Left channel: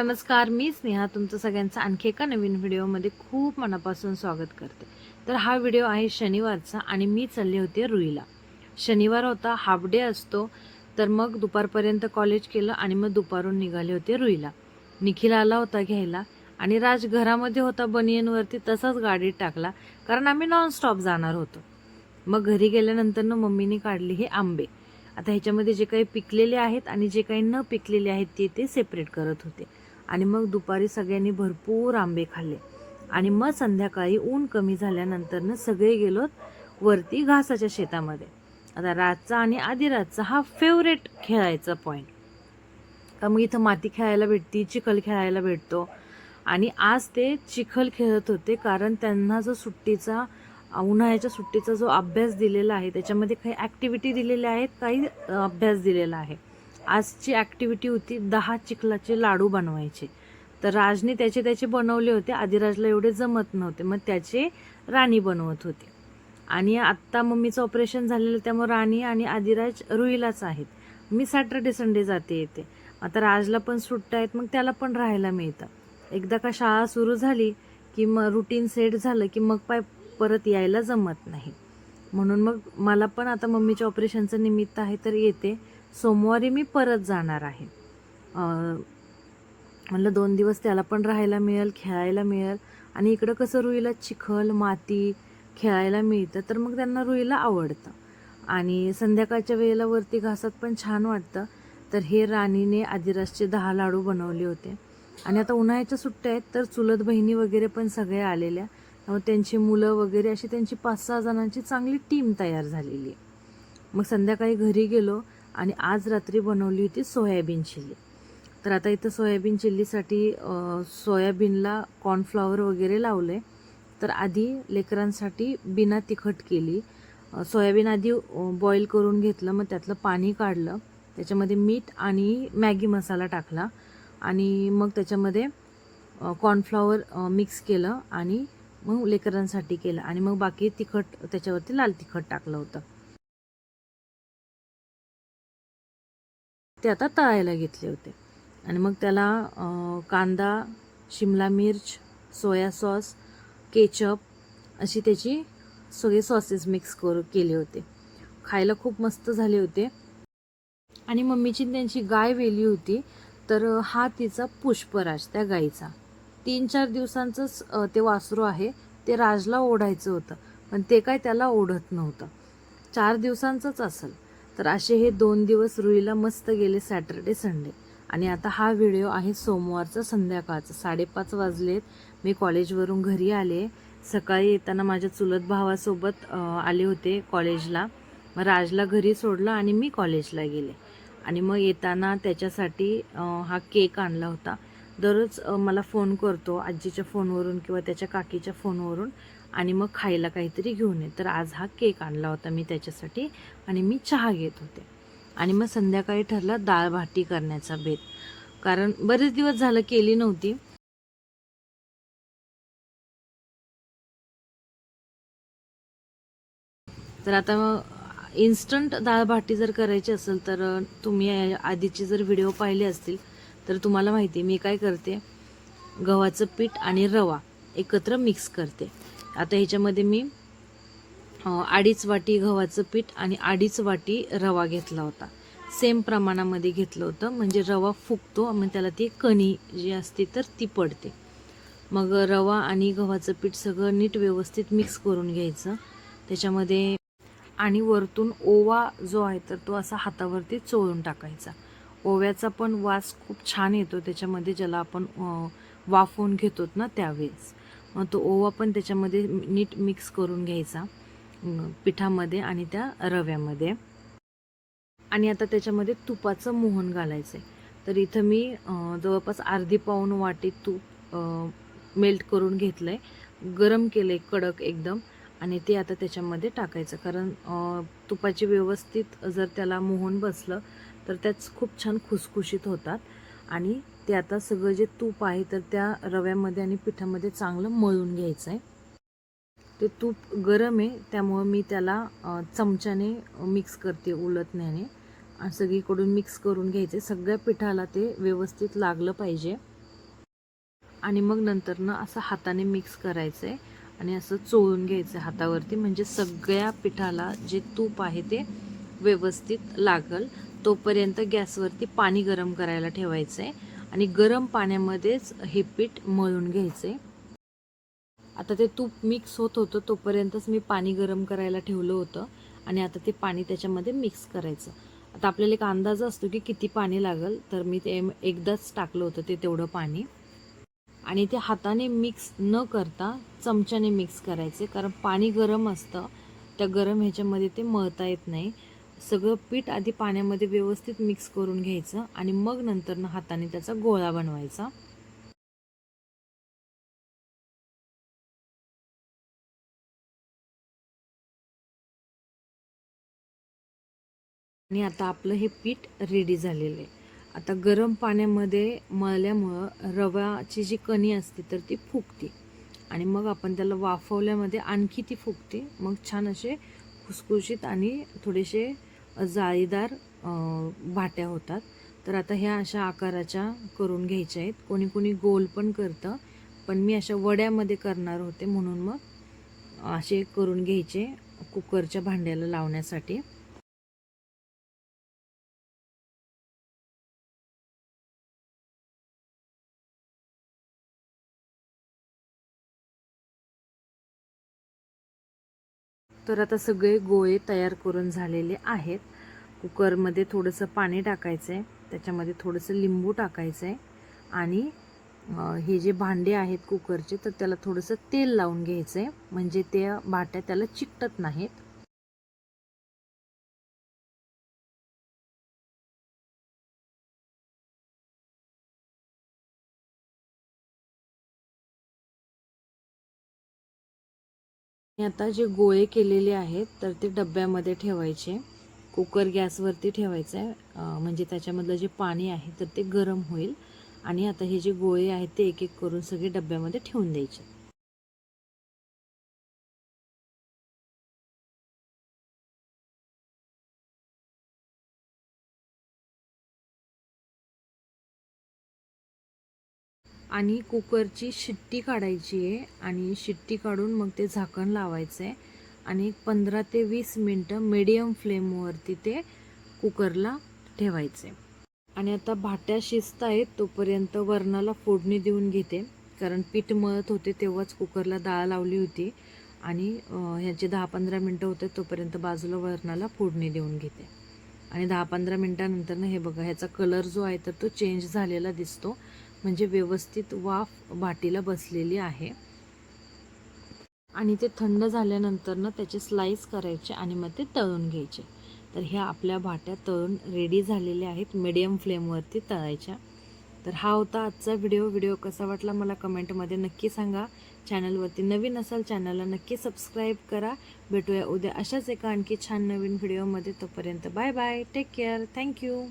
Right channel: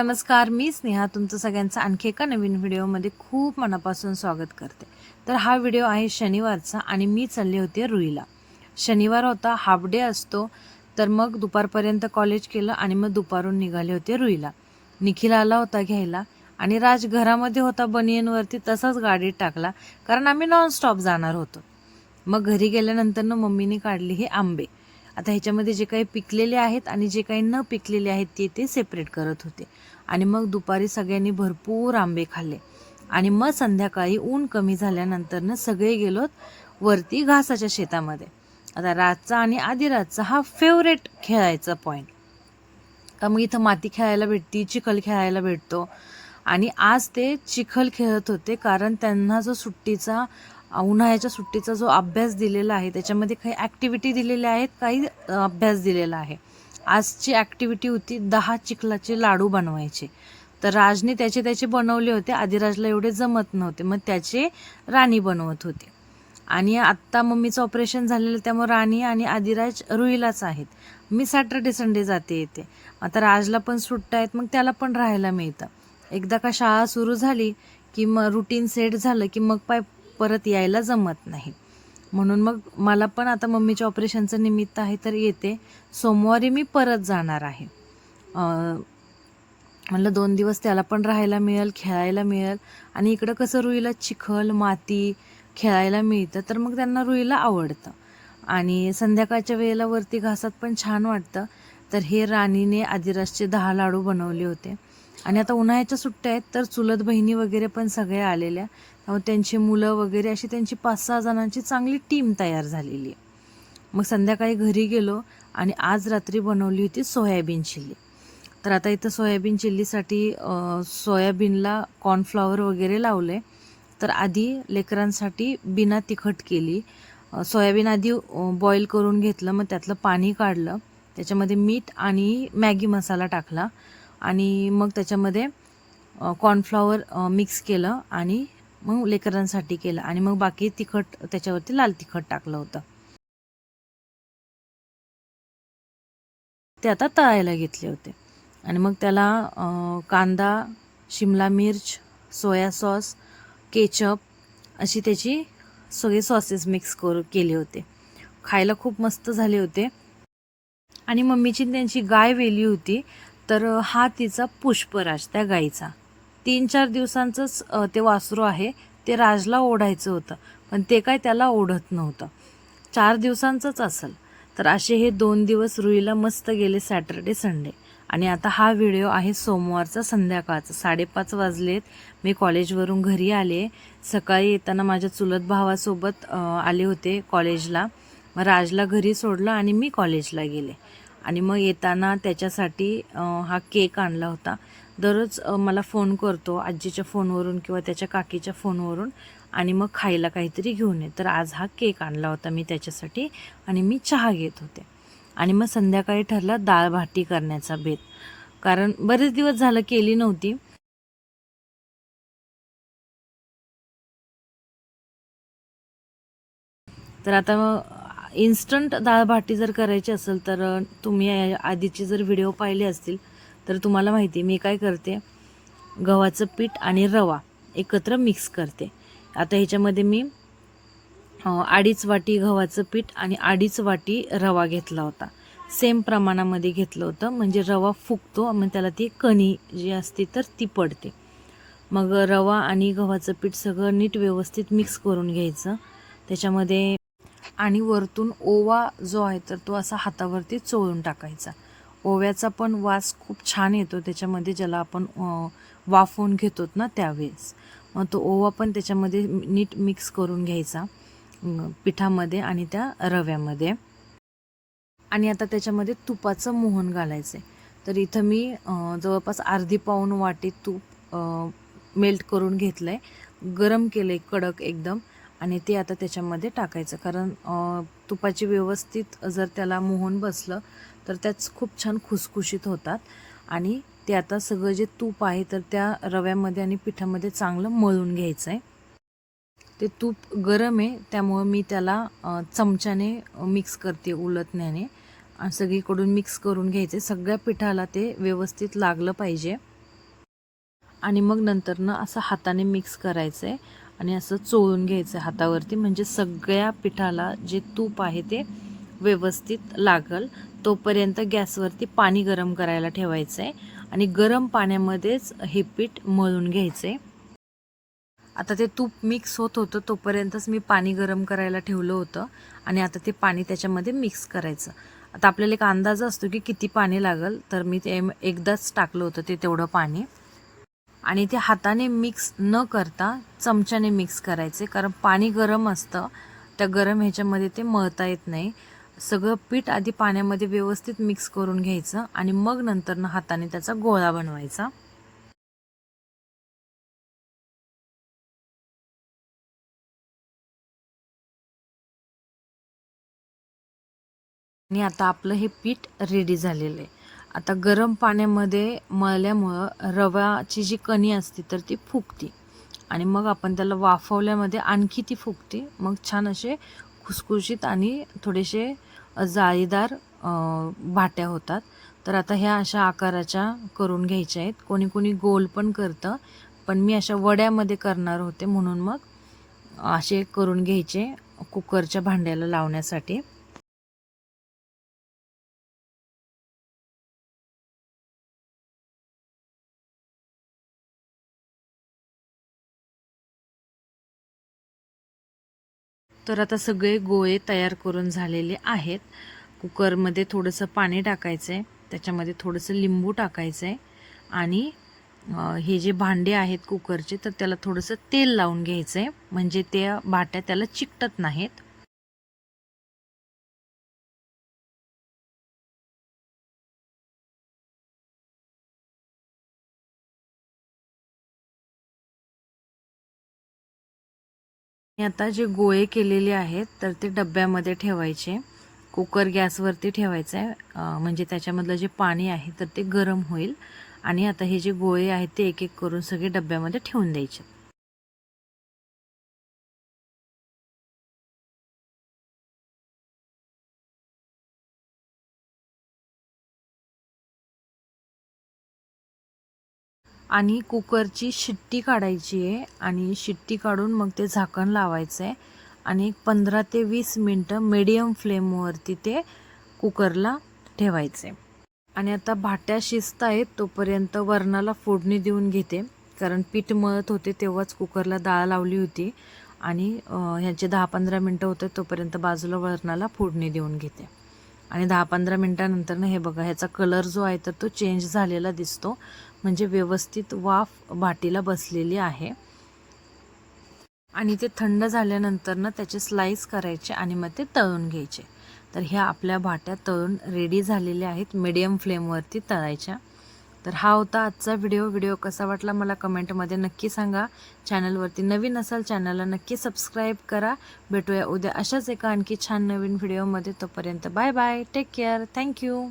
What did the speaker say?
नमस्कार, मी स्नेहा तुमचं सगळ्यांचं आणखी एका नवीन व्हिडिओमध्ये खूप मनापासून स्वागत करते। तर हा व्हिडिओ आहे शनिवारचा आणि मी चालले होते रुईला। शनिवार होता, हाफ डे असतो, तर मग दुपारपर्यंत कॉलेज केलं आणि मग दुपारून निघाले होते रुईला। निखिल आला होता घ्यायला आणि राज घरामध्ये होता बनियनवरती, तसाच गाडीत टाकला कारण आम्ही नॉनस्टॉप जाणार होतो। मग घरी गेल्यानंतर मम्मीने काढले हे आंबे। आता ह्याच्यामध्ये जे काही पिकलेले आहेत आणि जे काही न पिकलेले आहेत ते सेपरेट करत होते। आणि मग दुपारी सगळ्यांनी भरपूर आंबे खाल्ले आणि मग संध्याकाळी ऊन कमी झाल्यानंतर सगळे गेलोत वरती घासाच्या शेतामध्ये। आता रातचा आणि आदिरातचा हा फेवरेट खेळायचा पॉईंट, तर मग इथं माती खेळायला भेटती, चिखल खेळायला भेटतो। आणि आज ते चिखल खेळत होते कारण त्यांना जो सुट्टीचा उन्हाळ्याच्या सुट्टीचा जो अभ्यास दिलेला आहे त्याच्यामध्ये काही ॲक्टिव्हिटी दिलेल्या आहेत, काही अभ्यास दिलेला आहे। आजची ॲक्टिव्हिटी होती 10 चिखलाचे लाडू बनवायचे। तर राजने त्याचे बनवले होते, आदिराजला एवढे जमत नव्हते, मग त्याचे राणी बनवत होती। आणि आत्ता मम्मीचं ऑपरेशन झालेलं त्यामुळे राणी आणि आदिराज रुईलाच आहेत। मी सॅटर्डे संडे जाते येते। आता राजला पण सुट्ट्या आहेत, मग त्याला पण राहायला मिळतं। एकदा का शाळा सुरू झाली की मग रुटीन सेट झालं की मग परत यायला जमत नाही। म्हणून मग मला पण आता मम्मीच्या ऑपरेशनचं निमित्त आहे तर येते। सोमवारी मी परत जाणार आहे। म्हणलं 2 दिवस त्याला पण राहायला मिळेल, खेळायला मिळेल आणि इकडं कसं रुईला चिखल माती खेळायला मिळतं, तर मग त्यांना रुईला आवडतं। आणि संध्याकाळच्या वेळेला वरती घासात पण छान वाटतं। तर हे राणीने आदिराजचे 10 लाडू बनवले होते। आणि आता उन्हाळ्याच्या सुट्ट्या आहेत तर चुलत बहिणी वगैरे पण सगळ्या आलेल्या, त्यांची मुलं वगैरे अशी त्यांची 5-6 जणांची चांगली टीम तयार झालेली आहे। मग संध्याकाळी घरी गेलो आणि आज रात्री बनवली होती सोयाबीन चिल्ली। तर आता इथं सोयाबीन चिल्लीसाठी सोयाबीनला कॉर्नफ्लॉवर वगैरे लावले। तर आधी लेकरांसाठी बिना तिखट केली। सोयाबीन आधी बॉईल करून घेतलं, मग त्यातलं पाणी काढलं, त्याच्यामध्ये मीठ आणि मॅगी मसाला टाकला आणि मग त्याच्यामध्ये कॉर्नफ्लॉवर मिक्स केलं आणि मग लेकरांसाठी केलं आणि मग बाकी तिखट त्याच्यावरती लाल तिखट टाकलं होतं। ते आता तळायला घेतले होते आणि मग त्याला कांदा, शिमला मिर्च, सोया सॉस, केचप अशी त्याची सगळे सॉसेस मिक्स केले होते। खायला खूप मस्त झाले होते। आणि मम्मीची त्यांची गाय वेली होती, तर हा तिचा पुष्पराज, त्या गाईचा 3-4 दिवसांचंच ते वासरू आहे। ते राजला ओढायचं होतं पण ते काय त्याला ओढत नव्हतं, 4 दिवसांचंच असेल। तर असे हे 2 दिवस रुईला मस्त गेले, सॅटर्डे संडे। आणि आता हा व्हिडिओ आहे सोमवारचा संध्याकाळचा, 5:30 वाजलेत। मी कॉलेजवरून घरी आले। सकाळी येताना माझ्या चुलत भावासोबत आले होते कॉलेजला। मग राजला घरी सोडलं आणि मी कॉलेजला गेले आणि मग येताना त्याच्यासाठी हा केक आणला होता। दररोज मला फोन करतो आजीच्या फोनवरून किंवा त्याच्या काकीच्या फोनवरून आणि मग खायला काहीतरी घेऊन ये। तर आज हा केक आणला होता मी त्याच्यासाठी आणि मी चहा घेत होते। आणि मग संध्याकाळी ठरलं डाळ भाटी करण्याचा बेत, कारण बरेच दिवस झालं केली नव्हती। तर आता इन्स्टंट डाळ भाटी जर करायची असेल तर तुम्ही आधीचे जर व्हिडिओ पाहिले असतील तर तुम्हाला माहिती मी काय करते, गव्हाचं पीठ आणि रवा एकत्र मिक्स करते। आता ह्याच्यामध्ये मी 2.5 वाटी गव्हाचं पीठ आणि 2.5 वाटी रवा घेतला होता। सेम प्रमाणामध्ये घेतलं होतं, म्हणजे रवा फुगतो, मग त्याला ती कणी जी असते तर ती पडते। मग रवा आणि गव्हाचं पीठ सगळं नीट व्यवस्थित मिक्स करून घ्यायचं त्याच्यामध्ये। आणि वरतून ओवा जो आहे तर तो असा हातावरती चोळून टाकायचा। ओव्याचा पण वास खूप छान येतो त्याच्यामध्ये, ज्याला आपण वाफवून घेतो ना त्यावेळेस। मग तो ओवा पण त्याच्यामध्ये नीट मिक्स करून घ्यायचा पिठामध्ये आणि त्या रव्यामध्ये। आणि आता त्याच्यामध्ये तुपाचं मोहन घालायचं आहे। तर इथं मी जवळपास अर्धी पाऊण वाटी तूप मेल्ट करून घेतलं आहे, गरम केलं आहे कडक एकदम, आणि ते आता त्याच्यामध्ये टाकायचं। कारण तुपाची व्यवस्थित जर त्याला मोहन बसलं तर त्याच खूप छान खुसखुशीत होतात। आणि ते आता सगळं जे तूप आहे तर त्या रव्यामध्ये आणि पिठामध्ये चांगलं मळून घ्यायचं आहे। ते तूप गरम आहे त्यामुळं मी त्याला चमच्याने मिक्स करते उलटण्याने, आणि सगळीकडून मिक्स करून घ्यायचे। सगळ्या पिठाला ते व्यवस्थित लागलं पाहिजे। आणि मग नंतरनं असं हाताने मिक्स करायचं आहे आणि असं चोळून घ्यायचं आहे हातावरती, म्हणजे सगळ्या पिठाला जे तूप आहे ते व्यवस्थित लागल. तोपर्यंत गॅसवरती पाणी गरम करायला ठेवायचं आहे आणि गरम पाण्यामध्येच हे पीठ मळून घ्यायचं आहे. आता ते तूप मिक्स होत होतं तोपर्यंतच मी पाणी गरम करायला ठेवलं होतं आणि आता ते पाणी त्याच्यामध्ये मिक्स करायचं. आता आपल्याला एक अंदाज असतो की किती पाणी लागेल, तर मी ते एकदाच टाकलं होतं ते तेवढं पाणी. आणि ते हाताने मिक्स न करता चमच्याने मिक्स करायचे, कारण पाणी गरम असतं, त्या गरम ह्याच्यामध्ये ते मळता येत नाही. सगळं पीठ आधी पाण्यामध्ये व्यवस्थित मिक्स करून घ्यायचं आणि मग नंतरनं हाताने त्याचा गोळा बनवायचा. आणि आता आपलं हे पीठ रेडी झालेलं आहे. आता गरम पाण्यामध्ये मळल्यामुळं रव्याची जी कणी असते तर ती फुगते आणि मग आपण त्याला वाफवल्यामध्ये आणखी ती फुगते. मग छान असे खुसखुशीत आणि थोडेसे जाळीदार भाट्या होतात. तर आता ह्या अशा आकाराच्या करून घ्यायच्या आहेत. कोणी कोणी गोल पण करतं, पण मी अशा वड्यामध्ये करणार होते म्हणून मग असे करून घ्यायचे कुकरच्या भांड्याला लावण्यासाठी. तर आता सगळे गोळे तयार करून झालेले आहेत. कुकरमध्ये थोडंसं पाणी टाकायचं आहे, त्याच्यामध्ये थोडंसं लिंबू टाकायचं आहे आणि हे जे भांडे आहेत कुकरचे तर त्याला थोडंसं तेल लावून घ्यायचं आहे, म्हणजे त्या भाट्या त्याला चिकटत नाहीत. आणि आता जे गोळे केलेले आहेत तर ते डब्यामध्ये ठेवायचे. कुकर गॅसवरती ठेवायचं आहे, म्हणजे त्याच्यामधलं जे पाणी आहे तर ते गरम होईल. आणि आता हे जे गोळे आहेत ते एक एक करून सगळे डब्यामध्ये ठेवून द्यायचे. आणि कुकरची शिट्टी काढायची आहे आणि शिट्टी काढून मग ते झाकण लावायचं आहे आणि 15 ते 20 मिनटं मीडियम फ्लेमवरती ते कुकरला ठेवायचं आहे. आणि आता भाट्या शिजत आहेत तोपर्यंत वरणाला फोडणी देऊन घेते, कारण पीठ मळत होते तेव्हाच कुकरला डाळ लावली होती आणि ह्याचे 10-15 मिनटं होते तोपर्यंत बाजूला वरणाला फोडणी देऊन घेते. आणि 10-15 मिनटानंतर हे बघा, ह्याचा कलर जो आहे तर तो चेंज झालेला दिसतो, म्हणजे व्यवस्थित वाफ भाटीला बसलेली आहे. आणि ते थंड झाल्यानंतर ना त्याचे स्लाइस करायचे आणि मग ते तळून घ्यायचे. तर ह्या आपल्या भाट्या तळून रेडी झालेल्या आहेत, मीडियम फ्लेमवरती तळायच्या. तर हा होता आजचा व्हिडिओ कसा वाटला मला कमेंटमध्ये नक्की सांगा. चॅनलवरती नवीन असाल चॅनलला नक्की सबस्क्राईब करा. भेटूया उद्या अशाच एका आणखी छान नवीन व्हिडिओमध्ये. तोपर्यंत bye bye, take care, thank you.